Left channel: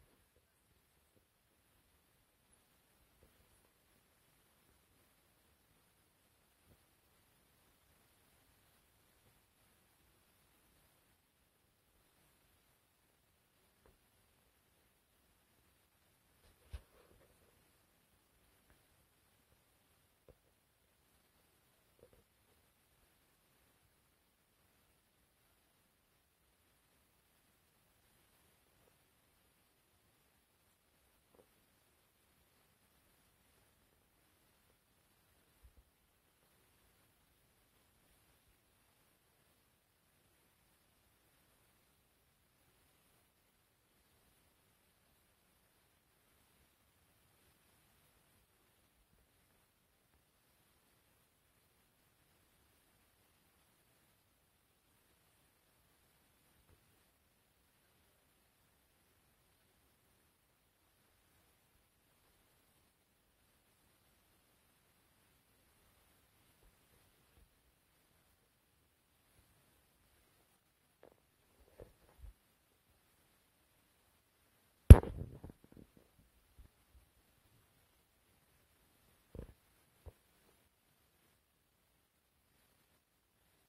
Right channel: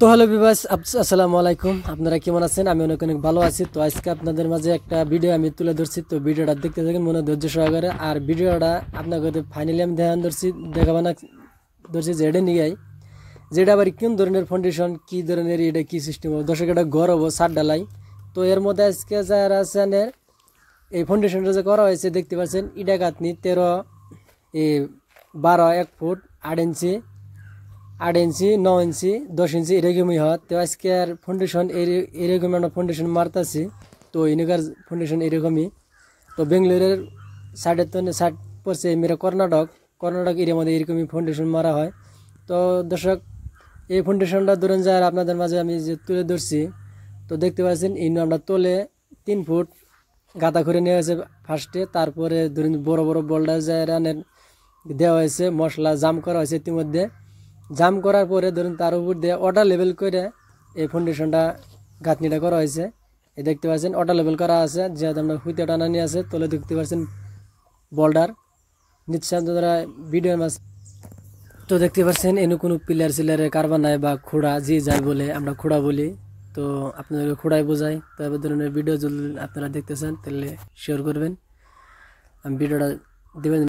তো hello viewers, আসসালামু আলাইকুম। আপনারা কেমন আছেন? আমি অনেক অনেক ভালো আছি। তো আজকে আপনাদের মাঝে একটা ভিডিও আমি তুলে ধরছি। তো ভিডিওটা দেখতে থাকেন মনে ধৈর্য সহকারে। আর ভিডিওটা আপনাদের ফাইনালি আমি দেখাবো না ধরছি যেটা নিয়ে যেটা আবার কোন ধরনের ফাউন্ডেশন, কি ধরনের এটা কি সিস্টেম হবে, দর্শক এটা ঘর হবো ছাদ ঢালাই। তো এর মধ্যে আজকে যারা আছেন এই ফাউন্ডেশনটা যে করা হয়েছে দেখতে পাচ্ছেন, ইটা গাঁথনি 13 12 1 ফুট 8 ইঞ্চি 8 ইঞ্চি 9 ইঞ্চি 10 ইঞ্চি এরকমই হয়। তো আজকে আর ফাউন্ডেশন এরকম একটা ফাউন্ডেশন মারতাছি। তো ইনকার ফাউন্ডেশন এরকমই। তো বেঙ্গালোরের সাইডের তো সাইড পড়ছে মেরা কর্ণাটক এরিয়ার মধ্যে এরকমই ফাউন্ডেশন মারা হয়। তো দর্শক, এই ফাউন্ডেশনটা ধরুন যায় আপনাদের মাঝে আমি যে তুলে ধরছি। তো দেখতে পাচ্ছেন ইনো আমরা তোলে 3 ফুট গাঁথা করে নেওয়া হয়েছে ফার্স্টে। তারপরে ধরুন বড় বড় বোল্ডার যায় রানের দেওয়া হয়েছে, মশলা জাম করা হয়েছে। ইতিমধ্যে জাম করার পরে ধরুন তার উপর দিয়ে ওয়াটার লেভেল করে এই ফাউন্ডেশনটা গাঁথনিটা করা হয়েছে। এই দেখতে পাচ্ছেন ওয়াটার লেভেল করা আছে, যেহেতু আমরা হুইতে টানা নিয়ে আছে। তোলে দেখতে পাচ্ছেন বোল্ডার নিশ্চয় ধরা ভিডিওর মাছ। তো দেখতে পাচ্ছেন এনে কোনো পিলার সিলারের কারবার নাই বা খোড়া, যে যাই বলে আমরা খোড়া বলি। তো আপনাদেরকে খোড়াই বোঝাই। তো এবার ধরনের ভিডিও যদি আপনারা দেখতেছেন তাহলে শেয়ার করবেন, আমি ভিডিওটা দেবেন।